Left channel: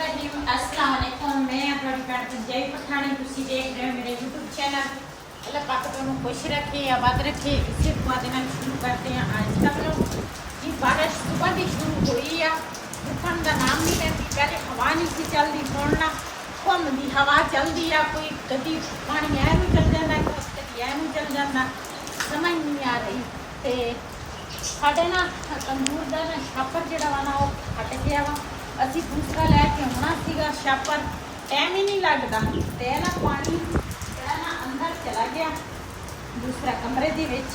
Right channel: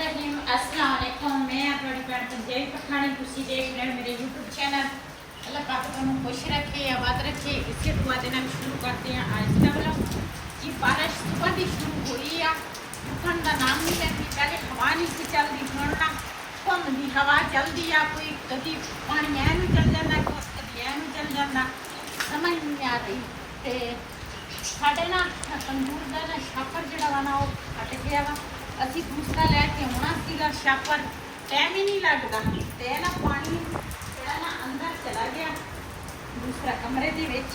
अस्सलाम वालेकुम। मैं ਤੁਹਾਡੀ ਭੈਣ ਪੰਜਾਬੀ ਪਠਾਣੀ ਤੁਸੀਂ ਦੇਖ ਰਹੇ ਹੋ मेरे YouTube चैनल। अल्लाह पाक ਤੁਹਾਨੂੰ खुश रखे आबाद रखे। इसी दुआ ਦੇ ਨਾਲ शुरू करते हैं आज का व्लॉग। ये बारिश सुबह ਦੀ शुरू हुई ਆ, रुकन ਦਾ नाम नहीं लेती। पहले हवा नहीं सी चलती, ਹੁਣ ਨਾ ਘੁੰਮਦੀ ਹਵਾ ਚੱਲਦੀ ਆ। ਕੋਈ ਕਦੀ ਪਾਣੀ ਐ ਨੂੰ ਚੱਲ ਜਾਂਦਾ, ਕਦੀ ਐ ਨੂੰ ਚੱਲ ਜਾਂਦਾ, ਸਮਝ ਨਹੀਂ ਆ ਰਹੀ। ਤੇ ਸਾਡੇ ਨਾ ਤੰਦੂਰ ਦਾ ਨਾ ਛਾਪਰ ਜਿਹੜਾ ਵਾ ਨਾ ਉਹ ਫਟ ਗਿਆ ਵਾ। ਅਸੀਂ ਦੂਸਰਾ ਲੈ ਕੇ ਆਉਣਾ ਸੀਗਾ ਛਾਪਰ, ਟਾਈਮ ਹੀ ਨਹੀਂ ਲੱਗਦਾ। ਤੇ ਨਾ ਪਾਣੀ ਜਿਹੜਾ ਨਾ ਅੰਦਰ ਚਲਾ ਗਿਆ ਦੂਸਰਾ ਕਮਰੇ ਦੇ ਵਿੱਚ।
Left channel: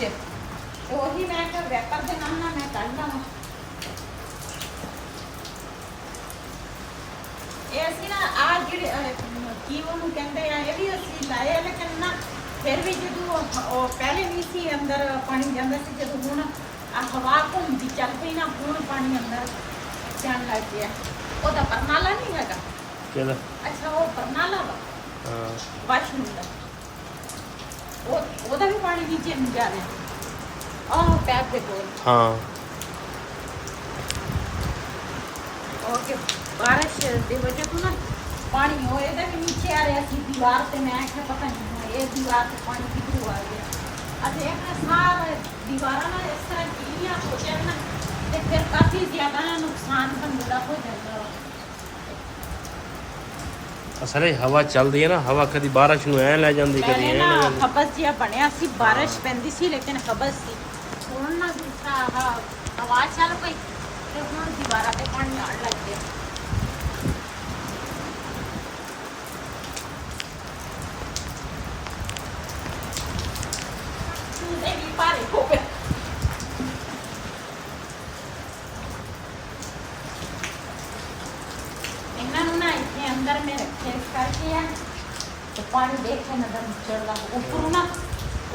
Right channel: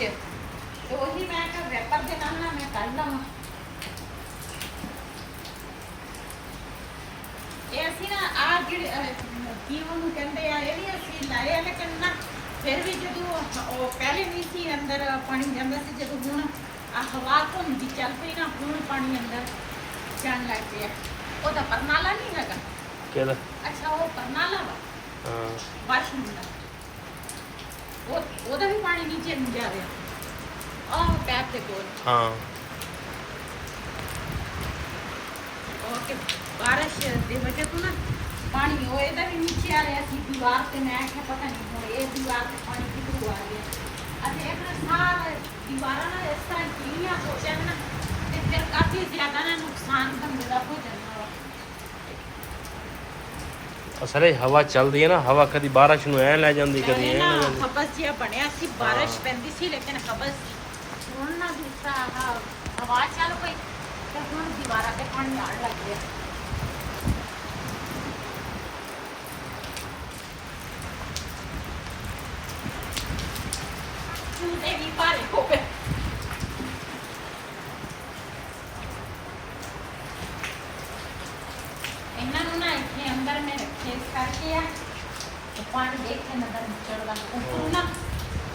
ਤੇ ਉਹੀ ਮੈਂ ਕਿ ਰੈਪਰ ਦੇ ਨਾਲ ਨਾ ਮੈਂ ਕੱਢ ਲਵਾਂ। ਇਹ ਅਸੀਂ ਨਾ ਆ ਜਿਹੜੇ ਕੀ ਉਹਨੂੰ ਕਹਿੰਦੇ ਆ, ਇਹ ਵੀ ਅਸੀਂ ਲਾਏ ਆ, ਲੇਕਿਨ ਨਾ ਫਿਰ ਵੀ ਜਦੋਂ ਉਹ ਪਹਿਲੇ ਨਹੀਂ ਸੀ ਅੰਦਰ ਪਾਣੀ ਜਾਂਦਾ ਸੀ, ਜਦੋਂ ਹੁਣ ਆ ਹਵਾ ਘੁੰਮਦੀ ਚੱਲ ਪਈ ਨਾ, ਹੁਣ ਪਾਣੀ ਅੰਦਰ ਜਾਣ ਲੱਗ ਪਿਆ। ਉਹਦਾ ਪਰਨਾਲਾ ਨਹੀਂ ਹੈਗਾ ਕਿਹਦਾ? ਅੱਛਾ ਉਹ ਪਰਨਾਲਾ ਵਾ, ਹਾਂ ਵਾਸ਼ਰੂਮ ਦਾ। ਉਹਦਾ ਵੀ ਪਾਣੀ ਨੀਚੇ ਨੂੰ ਜਾ ਰਿਹਾ। ਆਹ ਪੈਰ ਦੇ ਕੋਲ ਹਾਂ ओके। बारिश की वजह से ना पानी हो ਇਹਦਾ ਵੀ ਨੀਚੇ ਆ ਰਿਹਾ ਸੀ ਦੀਵਾਰ ਤੇ। ਮੈਂ ਕਿਹਾ ਪਤਾ ਨਹੀਂ ਹੁਣ ਇਹ ਦੀਵਾਰ ਤੇ ਪਾਣੀ ਕਿੱਥੋਂ ਆ ਗਿਆ। ਅਤੇ ਇੱਕ ਸਾਰਾ ਦੀਵਾਰਾਂ ਨਾਲ ਇਸ ਤਰ੍ਹਾਂ ਕੀੜੀਆਂ ਹੋ ਜਾਣ ਨਾ, ਤੇ ਫਿਰ ਕਾਫੀ ਜ਼ਿਆਦਾ ਨਾ ਨੁਕਸਾਨ ਬੰਦੇ ਦਾ ਹੋ ਜਾਂਦਾ ਵਾ। ਅਸਲੇ ਹਵਾ ਚੱਲਦੀ ਹੈ ਨਾ, ਹਵਾ ਕਦੀ ਬਾਰਿਸ਼ ਨੂੰ ਐ ਲੈ ਜਾਂਦੀ, ਕਦੀ ਐ ਲੈ ਜਾਂਦੀ। ਹਬਸ ਜਿਹਾ ਬਣਿਆ ਸੀ, ਬਾਰਿਸ਼ ਪੈਂਦੀ ਸੀ ਲੇਕਿਨ ਹਬਸ ਸੀ। ਹੁਣ ਨਾ ਦੂਸਰਾ ਹਵਾ ਚੱਲ ਪਈ ਤੇ ਹੁਣ ਦੀਵਾਰਾਂ ਤੇ ਪਾਣੀ ਆਉਣ ਲੱਗ ਗਿਆ। ਚੂਦੇ ਵੀ ਭਾਰੇ ਹੋ ਗਏ। ਇਹਨਾਂ ਨੂੰ ਨਾ ਇੱਥੇ ਅੰਦਰ ਮੈਂ ਰੱਖਿਆ ਇਸ ਕਰਕੇ ਆ, ਤੇ ਪਾਣੀ ਦੇਖ ਕੇ ਨਜ਼ਰ ਨਿਕਲ ਲੱਗ ਉੱਪਰ ਨਾ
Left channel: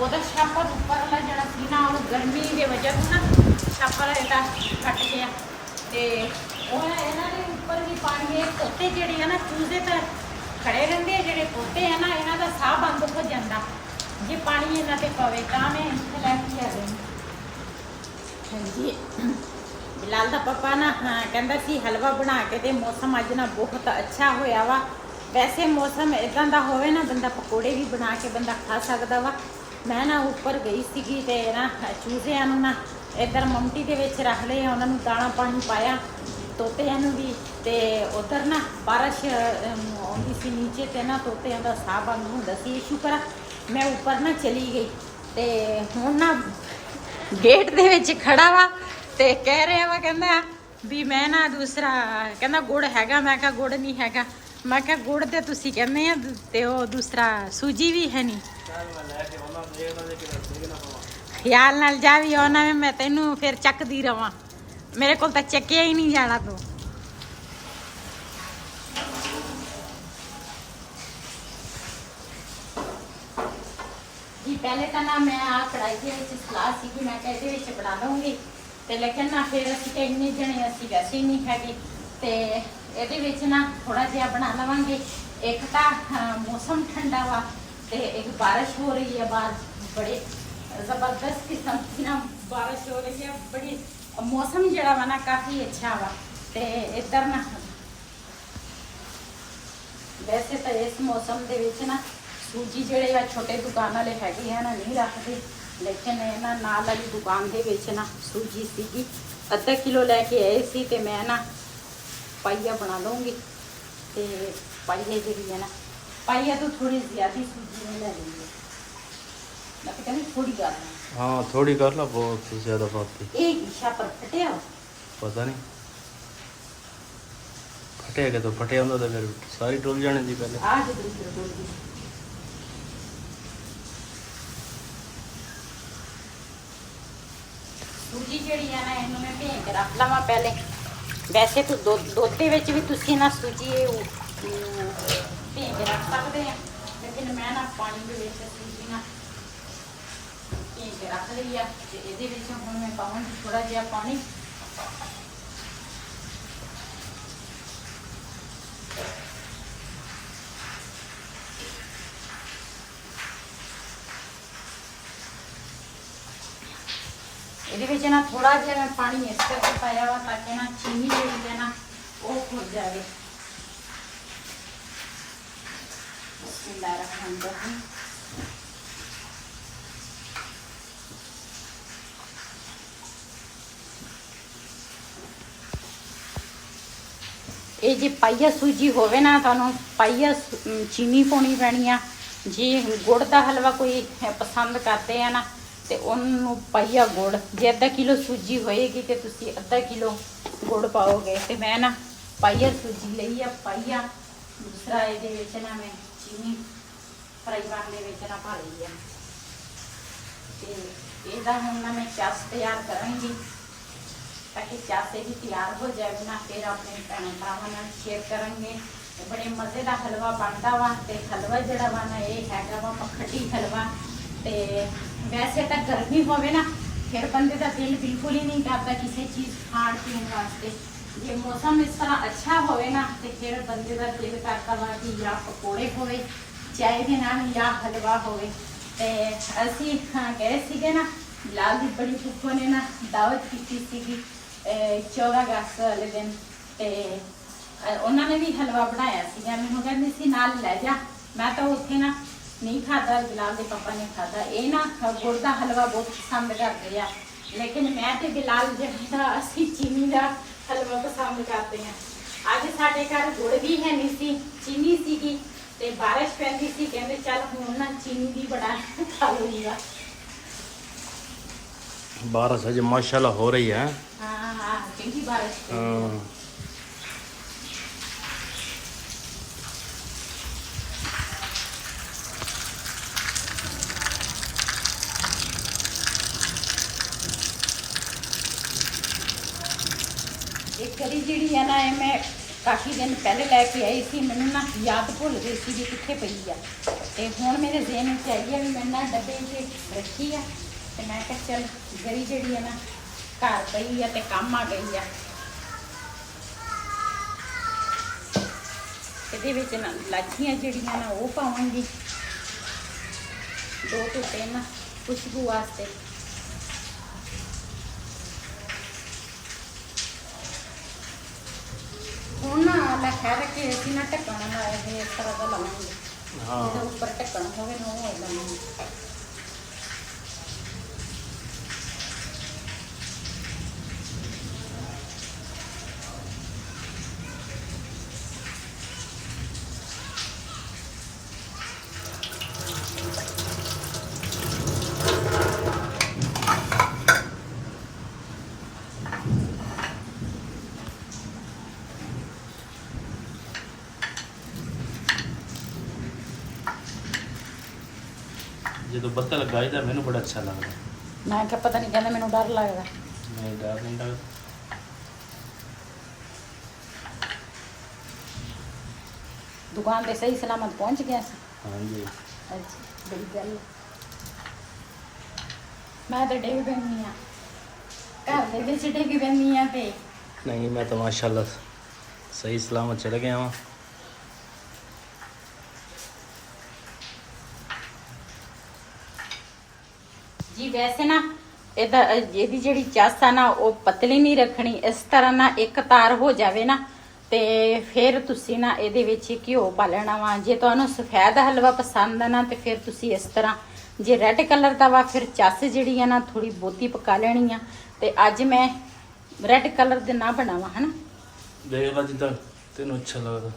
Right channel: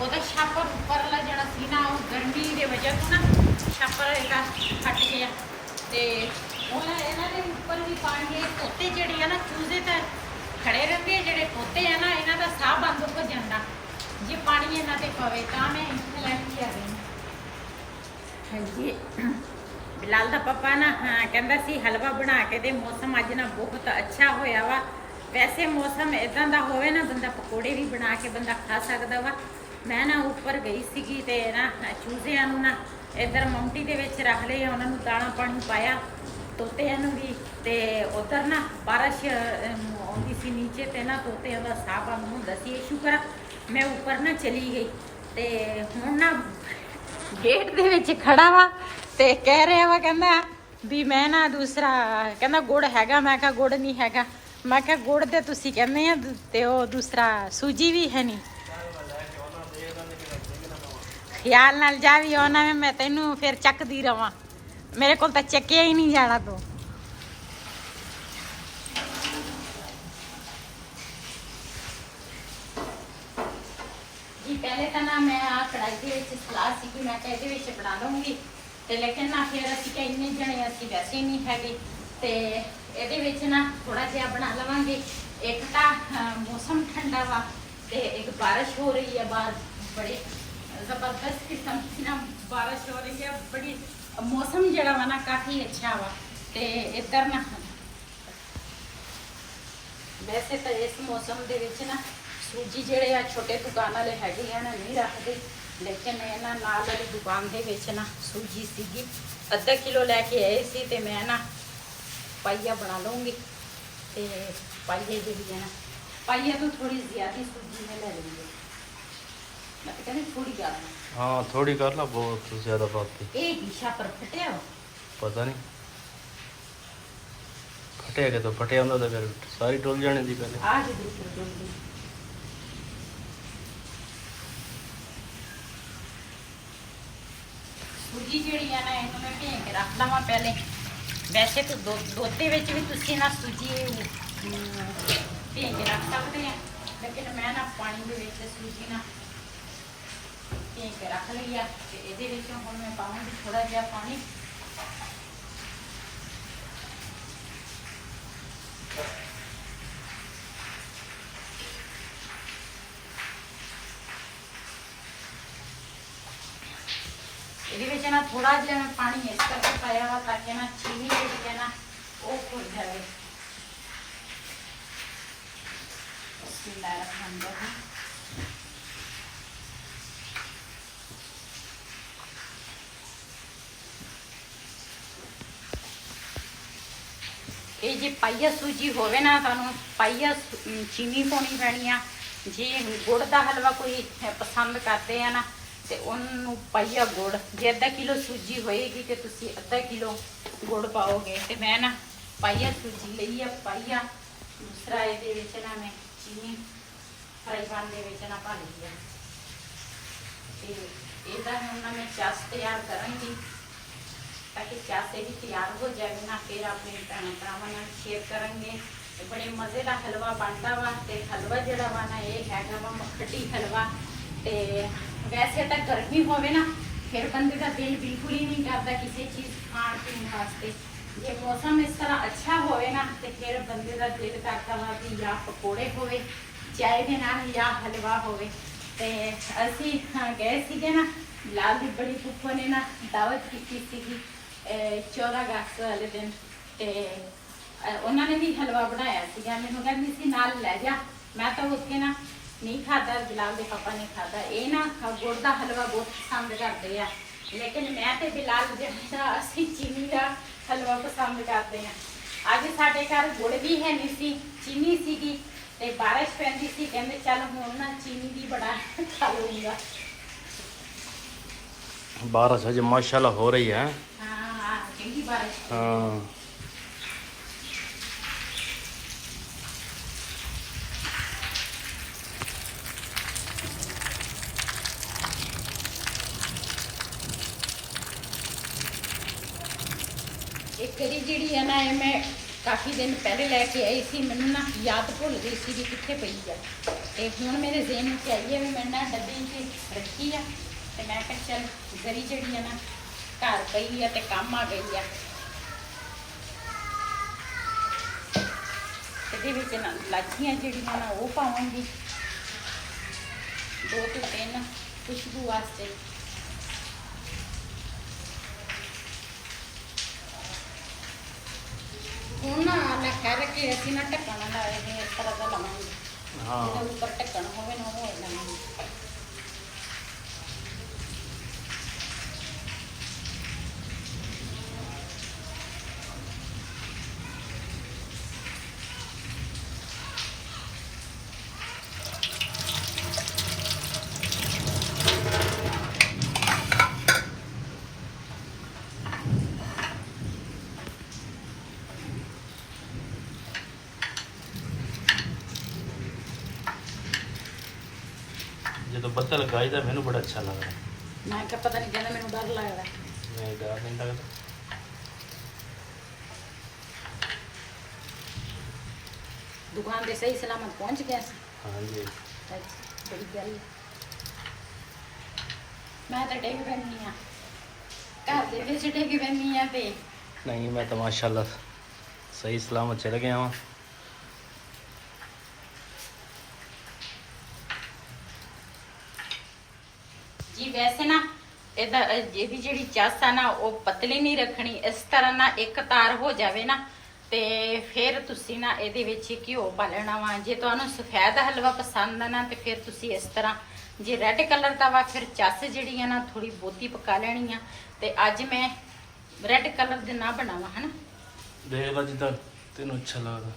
ਉਹਦਾ ਛਾਪਰ ਉੱਪਰ ਵਾਲਾ ਜਿਹੜਾ ਸੀ ਨਾ, ਉਹ ਗਰਮੀ ਦੇ ਵਜ੍ਹਾ ਤੋਂ ਨਾ ਛਾਪਰ ਇਹਦਾ ਫਟ ਗਿਆ। ਤੇ ਉਹ ਇਹਨਾਂ ਦੇ ਉੱਪਰ ਵੀ ਪਾਣੀ ਦੇ ਤੋਤੇ ਜਿਹੜੇ ਆ ਨਾ, ਚੂਜ਼ੇ ਤਾਂ ਖੜੇ ਰਹਿੰਦੇ ਆ। ਜਿਹੜੇ ਤੋਤੇ ਆ ਨਾ, ਇਹਨਾਂ ਦਾ ਸਾਹ ਬੰਦ ਹੋ ਜਾਂਦਾ ਜੇ ਪਾਣੀ ਇਹਨਾਂ ਤੇ ਪਵੇ। ਤਾਂ ਮੈਂ ਇੱਥੇ ਲੈ ਕੇ ਆ ਗਈ। ਹਾਂਜੀ, ਬਿਲਾਲ ਦਾ ਪਾਪਾ ਨਾ ਕਹਿੰਦਾ ਸੀ ਹਲਵਾ ਬਣਾ ਕੇ ਦੇ। ਮੌਸਮ ਅੱਜ ਨਾ ਬਹੁਤ ਅੱਛਾ ਹੋਇਆ ਵਾ। ਵੈਸੇ ਮੌਸਮ ਇਦਾਂ ਦਾ ਹੋਵੇ ਨਾ, ਬੰਦਾ ਪਕੌੜੇ ਵੀ ਬਣਾ ਕੇ ਬੰਦਾ ਖਾ ਸਕਦਾ ਵਾ। ਮੈਂ ਨਾ ਉੱਪਰ ਗਈ ਸੀਗੀ ਤੇ ਨਾ ਚੂਜ਼ਿਆਂ ਨੂੰ ਨਾ ਇੱਧਰ ਮਮਟੀ ਦੇ ਵਿੱਚ ਰੱਖ ਲਏ, ਉਹਨਾਂ ਨੂੰ ਦਾਣਾ ਪਾਣੀ ਪਾਇਆ, ਤੋਤਿਆਂ ਨੂੰ ਵੀ। ਤੇ ਉਧਰ ਨਾ ਬਾਰਿਸ਼ ਆਉਂਦੀ ਸੀ ਨੀਚੇ, ਤੇ ਨਾ ਤੋਤਿਆਂ ਦਾ ਸਾਹ ਬੰਦ ਹੁੰਦਾ ਸੀ। ਸ਼ੁਕਰ ਮੈਂ ਉੱਪਰ ਨਾ ਚਲੀ ਗਈ। ਤੇ ਹੁਣ ਨਾ ਗੇਟ ਦੇ ਵਿੱਚ ਖੜਾ ਵਾ ਤੇ ਕਹਿ ਰਿਹਾ ਵਾ, ਕਹਿੰਦਾ ਵੀ ਮੈਂ ਨਾ ਦੂਸਰਾ ਕਹਿੰਦਾ ਗੁੜ ਹੈਗਾ। ਮੈਂ ਕਿਹਾ ਗੁੜ ਨਹੀਂ ਹੈਗਾ। ਮੈਂ ਕਿਹਾ ਗੁੜ ਤੇ ਤੁਸੀਂ ਕਹਿੰਦੇ ਆ, ਤੇ ਉਹ ਦੂਸਰਾ ਸੂਜੀ ਵੀ ਹੈ ਨਹੀਂ। ਖਿਆਲ ਨਾਲ ਜਾ ਵੀ ਆਉਣਾ, ਮੈਂ ਤੈਨੂੰ ਫਿਰ ਚੱਕਦੀ ਰਵਾਂ। ਮੇਰੇ ਕੋਲ ਤਾਂ ਚੱਕਿਆ ਹੀ ਨਹੀਂ ਜਾਣਾ ਤੂੰ। ਜੀ ਪਹਿਲੇ ਤਾਂ ਨਾ ਮੈਂ ਆ ਕੜਾਈ ਦੇ ਵਿੱਚ ਸਲਾਹ ਸੀ ਕਿ ਮੈਂ ਤਾਂ ਇਹਦੇ ਵਿੱਚ ਬਣਾ ਲਵਾਂਗੀ, ਤੇ ਲੇਕਿਨ ਨਾ ਫਿਰ ਅਸੀਂ ਤਾਂ ਇੰਨੇ ਜਣੇ ਅਸੀਂ ਵੈਸੇ ਹੀ ਨਹੀਂ ਹੈਗੇ, ਤੇ ਇਹਦੇ ਵਿੱਚ ਨਾ ਥੋੜਾ ਜਿਹਾ ਬਣਾ ਲਵਾਂਗੇ। ਇੱਕ ਤਾਂ ਮੌਸਮ ਠੰਡਾ ਵਾ, ਤੇ ਇੱਕ ਬਾਰਿਸ਼ ਹੋ ਰਹੀ ਹੈ ਬਾਹਰ, ਬੜੇ ਜ਼ਬਰਦਸਤ ਕਿਸਮ ਦੀ ਨਾ ਬਾਰਿਸ਼ ਹੋ ਰਹੀ ਹੈ। ਬੜੀ ਮੌਸਮ ਜਿਹੜਾ ਵਾ ਨਾ ਕਾਫੀ ਅੱਛਾ ਵਾ। ਤੇ ਇੱਧਰ ਨਾ ਵੈਸੇ ਤਾਂ ਇਸ ਮੌਸਮ ਦੇ ਵਿੱਚ ਨਾ ਸੂਜੀ ਜਿਹੜੇ ਆ ਛੋਟੇ ਦੁਕਾਨ ਵਾਲੇ ਹੈਗੇ ਆ ਨਾ ਨਹੀਂ ਰੱਖਦੇ, ਲੇਕਿਨ ਇਹਨਾਂ ਨਾਲ ਵਾਲੀ ਦੁਕਾਨ ਦੇ ਵਿੱਚ ਨਾ ਸੂਜੀ ਸੀਗੀ। ਅੱਧਾ ਕਿਲੋ ਲੈ ਕੇ ਆਏ ਸੀ, ਤੇ ਮੈਂ ਨਾ ਪਾਈਆ ਬਣਾ ਲਵਾਂਗੀ। ਤੇ ਪਾਈਏ ਦੇ ਲਈ ਨਾ ਪਾਈਆ ਤੋਂ ਥੋੜੀ ਜ਼ਿਆਦਾ ਸੂਜੀ में ਲੈ लेंगे। मैं कहता नहीं थोड़ी करना। हाँ थोड़ी कर ला, बहुत ज्यादा बात एक दिशा पर फटे हो पता नहीं फटेगा तो फटे होंगे तो फिर सारी डोल जाने दी पहले। आज दूसरी डोल दी सूजी ਜਿਹੜੀ ਆ ਨਾ, ਇਹਨੂੰ ਮੈਂ ਭੇਂ ਕੇ ਰੱਖ ਲਵਾਂ ਪਹਿਲੇ। ਵੈਸੇ ਤਾਂ ਦੋਤੇ ਵਿੱਚ ਵੀ ਤੁਸੀਂ ਨਾ ਸੂਜੀ ਭੇਂ ਕੇ ਰੱਖ ਸਕਦੇ ਆ, ਲੇਕਿਨ ਮੈਂ ਨਾ ਪਾਣੀ ਦੇ ਵਿੱਚ ਸੂਜੀ ਨਾ ਭੇਂ ਕੇ ਰੱਖ ਲਈ ਆ। ਤੇ ਇਹਦੇ ਵਿੱਚ ਹੁਣ ਮੈਂ ਪਾਵਾਂਗੀ ਥੋੜਾ ਜਿਹਾ ਪਾਣੀ। ਇਹਦੇ ਵਿੱਚ ਨਾ ਥੋੜਾ ਜਿਹਾ ਪਾਣੀ ਇਸ ਕਰਕੇ ਪਾਇਆ ਵਾ ਤਾਂ ਕਿ ਨਾ ਚੀਨੀ ਜਿਹੜੀ ਹੈ ਨਾ ਉਹ ਖੁਰ ਜਾਵੇ। ਬਿਸਮਿल्लाहिर्रहमानिर्रहीम। ਇਹ ਜੇ ਪਾਈਆ ਸੂਜੀ ਹੋਵੇ ਨਾ ਤੁਹਾਨੂੰ ਪਾਈਆ ਚੀਨੀ ਪਾਉਣੀ ਪੈਣੀ ਆ। ਜੇ ਗੁੜ ਦਾ ਹਲਵਾ ਕੋਈ ਪਸੰਦ ਕਰਦੇ ਆ ਨਾ ਤੇ ਉਹਨੂੰ ਪਾਈਆ ਗੁੜ। ਜੇ ਅੱਧਾ ਕਿਲੋ ਸੂਜੀ ਹੋਏਗੀ ਤੇ ਤੁਸੀਂ ਅੱਧਾ ਕਿਲੋ ਗੁੜ ਪਾਓਗੇ। ਤੇ ਮੈਂ ਨਾ ਪਾਈਆ ਸੂਜੀ ਲਈ ਆ ਪਾਈਆ। ਦੂਸਰਾ ਇਹਦੇ ਵਿੱਚ ਨਾ ਮੈਂ ਚੀਨੀ ਫਰਾਈ ਪੈਨ ਦੇ ਵਿੱਚ ਨਾ ਪਾ ਲਈ ਆ। ਤੇ ਇਹਦਾ ਹੁਣ ਨਾ ਮੈਂ ਚਾਸ ਤਿਆਰ ਕਰਾਂਗੀ ताकि चासे भी तैयार हो जाए ना। फिर अपने भैन भरावां नाल शेयर करेंगे। बड़े मज़े का हलवा बनता वा। ते हलवा जिहड़ा वा ना ये हैगा वा मखटी हलवा। ते वैसे तो गर्मी होवे ना फिर बंदे का दिल बिल्कुल ही नहीं करता किसी चीज़ खाण पीण वास्ते। जे मौसम इस तरह अच्छा होवे ना तो फिर बंदे का दिल करता वा कि या पकौड़े होवे चाय दे नाल या हलवा होवे। ते असीं गए सीगे ना बिलाल दी बड़ी फुफो ने ना दावत की सीगी 14 अगस्त वाले दिन। ते उन्होंने भी हलवा बनाया सीगा। मैनूं कहंदी सी नाल लै जा। मैं तो उत्थे ना नहीं खाता, बिलाल दे पापा ने खाता। ये ना गुड़ का हलवा बहुत पसंद करते हैं लेकिन मैं ते बिलाल जिहड़ा असीं चीनी का हलवा पसंद करते हैं। अज साडे घर गुड़ भी है नहीं सी, चीनी सीगी ते बारिश पैंदी सी। कहंदे चल हुण ना चीनी दी बना खा लूंगा। बारिश अज माशाल्लाह हो रही है। हाँ चंगी बारिश। हाँ एक कड़ी जी है ना ये मैं काफ़ी दिन पहले लैके आई थी। मैनू ना याद भुल गई सी कि कित्थे पई है। ते हुण मेरे ज़हन में आई है भी मैं ना डब्बे च रखी है। ते मैं कहा चल गरी जी है ना घर पई है ते काम आ गई है। ਇਹਦੇ ਵਿੱਚ ਨਾ ਲਾਚੀਆਂ ਜਿਹੜੀਆਂ ਨਾ ਉਹ ਪਾਵਾਂਗੀ 2 ਤੋਂ 3 ਖੁਸ਼ਬੂ ਵਾਸਤੇ। ਹੁਣ ਨਾ ਮੈਂ ਖੈਰ ਕੇ ਅਸੀਂ ਨਾ ਢੱਕਣ ਲਾਇਆ ਹੈ ਇਸ ਤਰ੍ਹਾਂ ਦਾ ਲਾਵਾਂਗੇ। हाँ ਜਿਹਦਾ ਉੱਪਰ ਢੱਕਣ ਹੋਵੇ ਨਾ ਉਹ ਲਾਵਾਂਗੇ। जो बत्ता लगाई था मैंने बड़ा अच्छा लग रहा। मैं क्या पता नहीं कहना मैंने डर लगता। नहीं डर नहीं लगता। दुकान पे सही सलामत पहुंच गया। हाँ जी अच्छा बड़ी प्यारी है। मैं तो डिग पैनी हाँ घर दे विच डिग पैनी हाँ ते नहीं मैं तो माशाल्लाह सही सलामत चले गया वहाँ। जी वैसे ना ਇਹਦਾ ਇਹਦੀ ਜਿਹੜੀ ਚਾਸ ਆ ਨਾ ਉਹ ਪਤਲੀ ਨਹੀਂ ਰੱਖਣੀ। ਇਸ ਤਰ੍ਹਾਂ ਨਾ ਇੱਕ ਤਾਰ ਹੋ ਜਾਵੇ ਨਾ ਤੇ ਫਿਰ ਤੁਸੀਂ ਨਾ ਇਹਦੇ ਵਿੱਚ ਘਿਓ ਪਾ ਲੈਣਾ ਵਾ। ਜੇ ਤੁਹਾਨੂੰ ਸਫੈਦ ਹਲਵਾ ਪਸੰਦ ਆ ਨਾ ਤੇ ਫਿਰ ਤੁਸੀਂ ਇਸ ਤਰ੍ਹਾਂ। ਜੇ ਰੈੱਡ ਕਲਰ ਦਾ ਵਾ ਫਿਰ ਚਾਸ ਜਿਹੜੀ ਆ ਨਾ ਥੋੜੀ ਬਹੁਤੀ ਪਕਾ ਲੈਣੀ ਆ। ਤੇ ਅੱਜ ਮੈਂ ਰੈੱਡ ਕਲਰ ਦੇ ਨਾ ਬਣਾਵਾਂ ਹਨਾ। देख ला जितना तेन अच्छा लगता।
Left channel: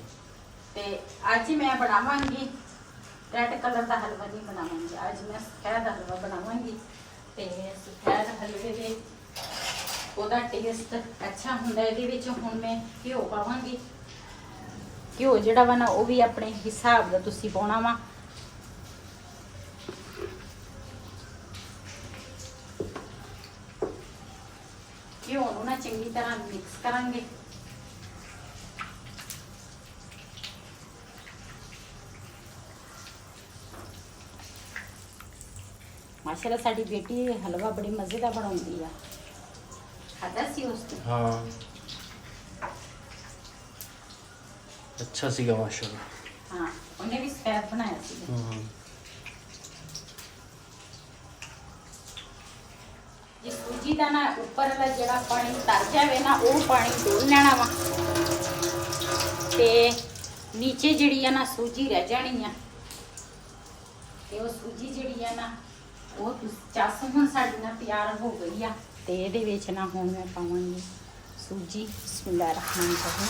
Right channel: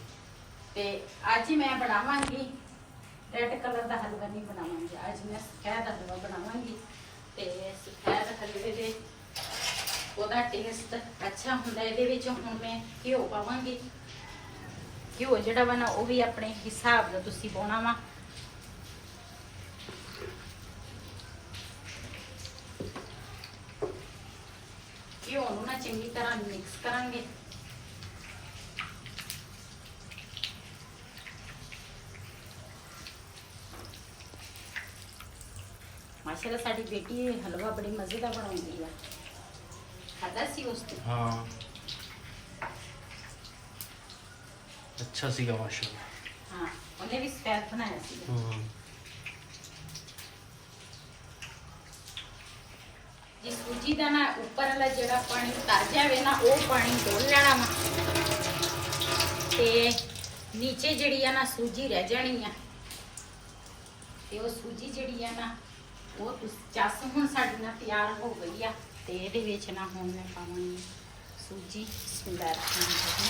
ਤੇ ਅੱਜ ਮੈਂ ਬਣਾਵਾਂਗੀ ਰੈੱਡ ਕਲਰ ਦਾ ਹਲਵਾ ਨਹੀਂ ਬਣਾਵਾਂਗੀ। ਅੱਜ ਮੈਂ ਸਫੈਦ ਹਲਵਾ ਬਣਾਵਾਂਗੀ। ਤੇ ਸਫੈਦ ਹਲਵੇ ਦੇ ਉਹਦਾ ਟੇਸਟ ਅੱਛਾ ਹੁੰਦਾ। ਇਹਦੇ ਵਿੱਚ ਹੁਣ ਮੈਂ ਘਿਓ ਪਾਵਾਂਗੀ। ਘਿਓ ਜਿਹੜਾ ਵਾ ਨਾ ਉਹ ਵੀ ਆਪਣੇ ਹਿਸਾਬ ਦਾ ਤੁਸੀਂ ਪਾਉਣਾ ਵਾ। ਘਿਓ ਨੂੰ ਨਾ ਚੰਗੀ ਤਰ੍ਹਾਂ ਮਿਕਸ ਕਰਾਂਗੇ। माशाल्लाह साडी बेटी हलवा बड़ी मजे का बनाउंदी है। खादा सी उसने। हाँ अच्छा सीगा माशाल्लाह। हाँ उन्हें भी सफेद बनाया सी। जे सूजी दा ना ऊपर वाला जड़ा पानी तर जावे ना वो पानी डोल लेना वा ते नीचे जड़ी है ना सूजी रह जानी है। ਤੇ ਉਹ ਸੂਜੀ ਜਿਹੜੀ ਆ ਨਾ ਉਹ ਚੱਸ ਹੁਣ ਸਾਡੀ ਨਾਲ ਤਿਆਰ ਹੋ ਗਈ ਆ। ਤੇ ਇਹਦੇ ਵਿੱਚ ਨਾ ਹੁਣ ਮੈਂ ਪਾਵਾਂਗੀ ਸੂਜੀ। ਬਿਸਮਿਲ੍ਲਾਹਿਰ ਰਹਿਮਾਨਿਰ ਰਹੀਮ।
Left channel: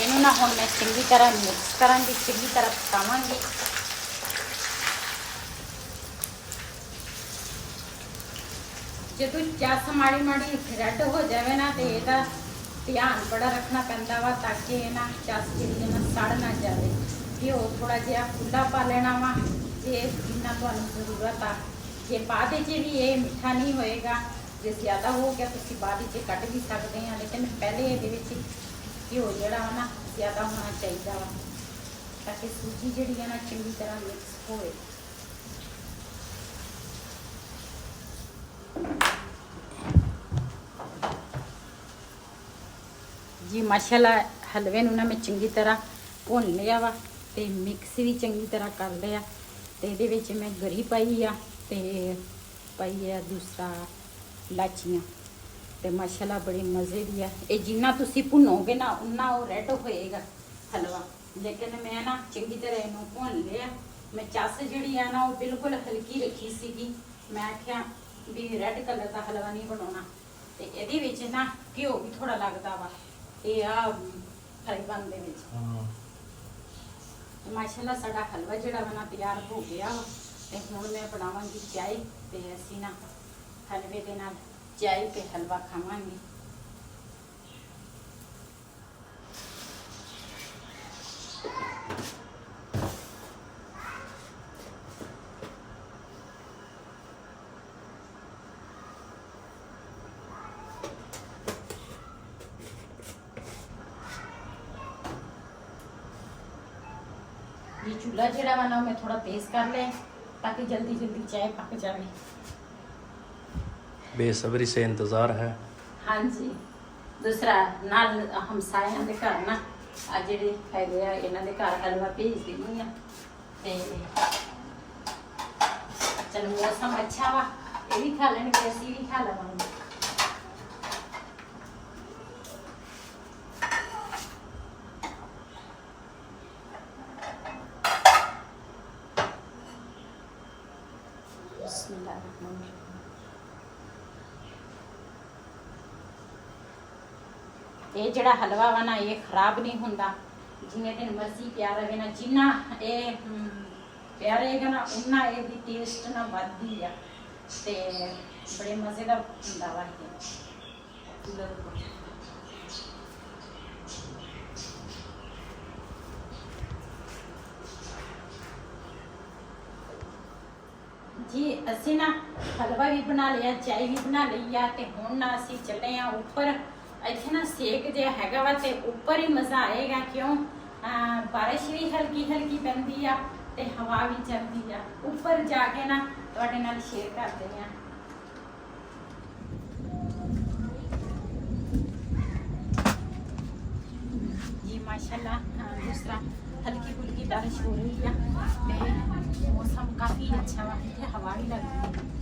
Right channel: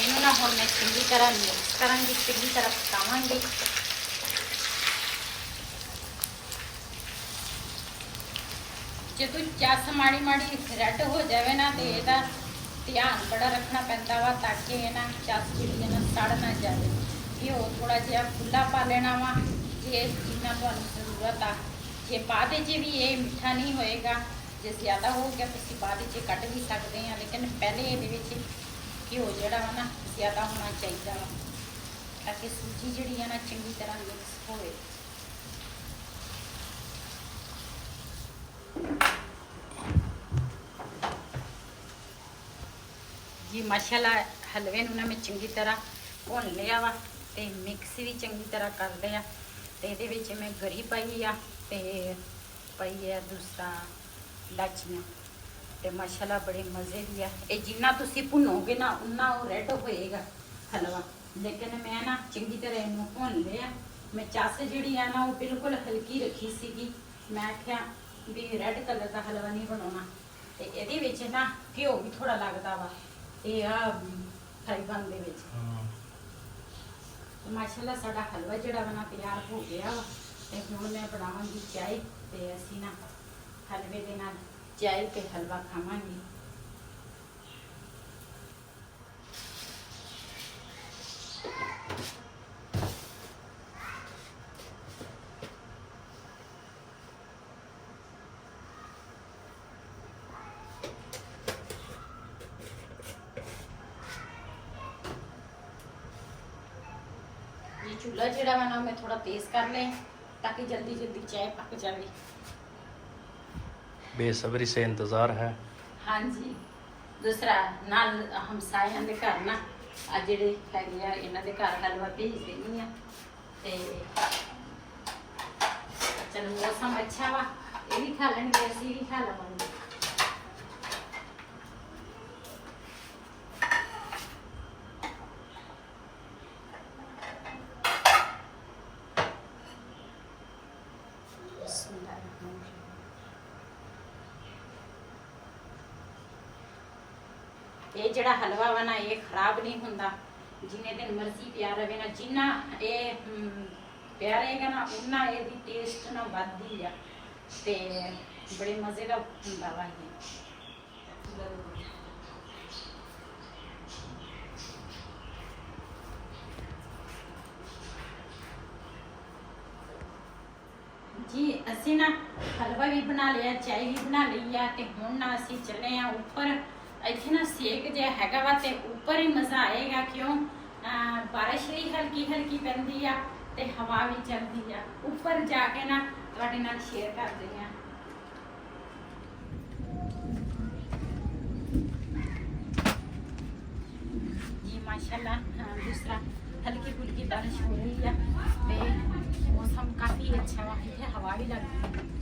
ਇਹਨੂੰ ਨਾ ਹੁਣ ਮੈਂ ਚੰਗੀ ਤਰ੍ਹਾਂ ਮਿਕਸ ਕਰਾਂਗੀ, ਚੰਗੀ ਤਰ੍ਹਾਂ ਪਕਾਵਾਂਗੀ। ਜਦੋਂ ਚੱਸ ਮਾੜੀ ਮਾੜੀ ਰੈੱਡ ਹੋ ਜਾਵੇ ਨਾ ਤੇ ਇਹਦਾ ਧਿਆਨ ਬੜਾ ਰੱਖਣਾ ਪੈਂਦਾ ਵਾ ਤਾਂ ਕਿ ਇਹ ਨਾ ਚੱਸ ਜਿਹੜੀ ਹੈ ਨਾ ਸੜ ਨਾ ਜਾਵੇ। ਘਿਓ ਥੋੜਾ ਜਿਹਾ ਖੁੱਲਾ ਪਾ ਲੈਣਾ ਵਾ ਜੇ ਜਿੰਨਾ ਤੁਹਾਨੂੰ ਜ਼ਰੂਰਤ ਆ। ਜੇ ਬਾਅਦ 'ਚ ਵੀ ਇਹ ਮਿੱਠਾ ਨਹੀਂ ਹੋਏਗਾ, ਜੇ ਜ਼ਿਆਦਾ ਹੋ ਗਿਆ ਤੁਸੀਂ ਬਾਅਦ 'ਚ ਕੱਢ ਵੀ ਸਕਦੇ ਆ, ਲੇਕਿਨ ਪਹਿਲੇ ਇਹਦੇ ਵਿੱਚ ਘਿਓ ਜਿਹੜਾ ਵਾ ਨਾ ਜ਼ਿਆਦਾ ਹੋਣਾ ਚਾਹੀਦਾ ਵਾ ਤਾਂ ਕਿ ਸੂਜੀ ਜਿਹੜੀ ਹੈ ਨਾ ਚੰਗੀ ਤਰ੍ਹਾਂ ਮਿਕਸ ਹੋਵੇ। ਜੀ ਮਾਸ਼ਾਅੱਲਾ ਹਲਵੇ ਨੂੰ ਨਾ ਮੈਂ ਚੰਗੀ ਤਰ੍ਹਾਂ ਭੁੰਨ ਲਿਆ ਵਾ ਤੇ ਮਿਕਸ ਵੀ ਚੰਗੀ ਤਰ੍ਹਾਂ ਕਰ ਲਿਆ। ਤੇ ਇਹਦੇ ਵਿੱਚ ਮੈਂ ਗਰੀ ਪਾਈ ਆ ਤੇ ਪਾਈ ਆ ਦੂਸਰਾ ਇਲਾਚੀਆਂ ਤੇ ਮਾਸ਼ਾਅੱਲਾ ਬੜੇ ਮਜ਼ੇ ਦੀ ਆ। ਇਹ ਜਿੰਨਾ ਤੁਸੀਂ ਭੁੰਨੋਗੇ ਨਾ ਉਨਾ ਉਹ ਰੈੱਡ ਹੋਏਗਾ ਹਲਵਾ। ਲੇਕਿਨ ਮੈਂ ਨਾ ਚੰਗੀ ਤਰ੍ਹਾਂ ਇਹਨੂੰ ਭੁੰਨ ਲਿਆ। ਮੈਂ ਚੱਸ ਜਿਹੜੀ ਆ ਨਾ ਉਹ ਬਿਲਕੁਲ ਹਲਕੀ ਰੱਖੀ ਸੀਗੀ। ਮੈਂ ਆਖਿਆ ਵੀ ਰੈੱਡ ਕਲਰ ਦਾ ਹਲਵਾ ਨਹੀਂ ਬਣਾਉਣਾ ਤੇ ਇਹਦੇ ਵਿੱਚ ਨਾ ਘਿਓ ਵੀ ਥੋੜਾ ਲੱਗਦਾ ਵਾ ਇਹ ਆ ਫਰਾਈ ਪੈਨ ਦੇ ਵਿੱਚ। ਮਾਸ਼ਾਅੱਲਾ ਸਾਡਾ ਹਲਵਾ ਜਿਹੜਾ ਬਣਾ ਤਿਆਰ ਹੋ ਗਿਆ ਵਾ ਤੇ ਹੁਣ ਮੈਂ ਬਣਾਵਾਂਗੀ ਚਾय ਤੇ ਅਸੀਂ ਨਾ ਹਲਵੇ ਦੇ ਨਾਲ ਚਾय ਤੇ ਹਲਵਾ ਖਾਵਾਂਗੇ। ये चूल्हा जड़ा वाला मैं थोड़ा तेज कर लें ताकि जल्दी जल्दी चाय पक जाए। बेसब्री से इंतजार है। हाँ जी, दूसरा नाल हमसायां दे घर ना आ जेडे हैगे आ इन्हां दे घर हलवा भेज देनी आ ते चल मौसम अच्छा वा ये भी खा लेंगे असीं भी खा लवांगे। ਇਹ ਜਿਹੜਾ ਹਲਵਾ ਵਾ ਨਾ ਇਹ ਖਰਾਬ ਨਹੀਂ ਹੁੰਦਾ, ਜਿਵੇਂ ਦਿਨ ਮਰਜ਼ੀ ਪਿਆ ਰਹੇ ਨਾ। ਜਿੰਨਾ ਇਹ ਪਿਆ ਰਹੇਗਾ ਨਾ ਉਨਾ ਇਹਦੀ ਟੇਸਟ ਨਾ ਵੱਧਦੀ ਆ ਤੇ ਬੜੇ ਮਜ਼ੇ ਦਾ ਹੁੰਦਾ ਵਾ ਇਹ। जी ਅਸੀਂ ਨਾ ਹਲਵਾ ਵੀ ਬਣਾ ਲਿਆ, ਚਾय ਵੀ ਬਣਾ ਲਈ ਆ ਤੇ ਹੁਣ ਨਾ ਅਸੀਂ ਚੱਲੇ ਆ ਉੱਪਰ। ਇੱਥੇ ਨਾ ਸੇਕ ਜਿਹਾ ਹੈਗਾ ਵਾ ਤੇ ਉੱਪਰ ਹੀ ਮਜ਼ਾ ਆਏਗਾ ਕਿਉਂ ਬਾਰਿਸ਼ ਵੀ ਹਲਕੀ ਹਲਕੀ ਪੈਂਦੀ ਆ ਤੇ ਹਵਾ ਵੀ ਚੱਲਦੀ ਆ। ਉੱਪਰ ਜਾ ਕੇ ਨਾ ਤੁਹਾਡੇ ਨਾਲ ਸ਼ੇਅਰ ਕਰਦੇ ਆ। जी माशाल्लाह दूसरा हल्की फुल्की बारिश हो रही है ते मौसम काफ़ी अच्छा वा है, हवा भी लग रही है।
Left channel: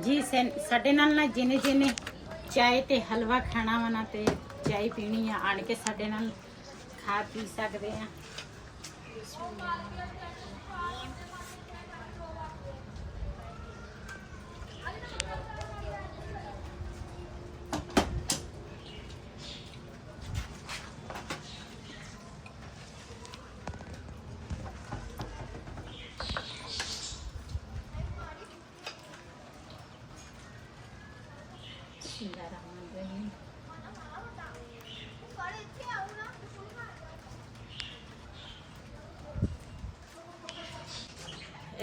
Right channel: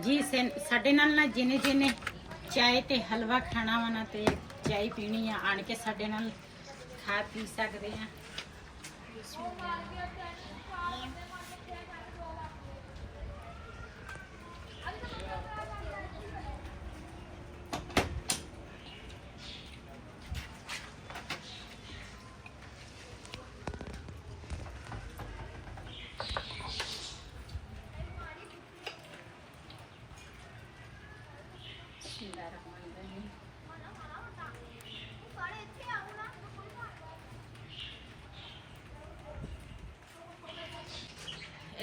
जी ਸਾਡੇ ਨਾਲ ਨਾ ਜਿਹਨੇ ਜਿਹਨੇ ਚਾय ਤੇ ਹਲਵਾ ਖਾਣਾ ਵਾ ਨਾ ਤੇ ਚਾय ਪੀਣੀ ਆ ਆਣ ਕੇ ਸਾਡੇ ਨਾਲ ਖਾ ਪੀ ਸਕਦੇ ਆ।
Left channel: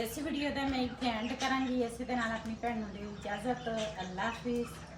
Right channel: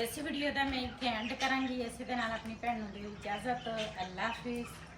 इस वीडियो का मैं इतने एंड करांगी। इस दे नाल अपनी भैन नूं दिओ इजाजत। अल्लाह हाफिज़।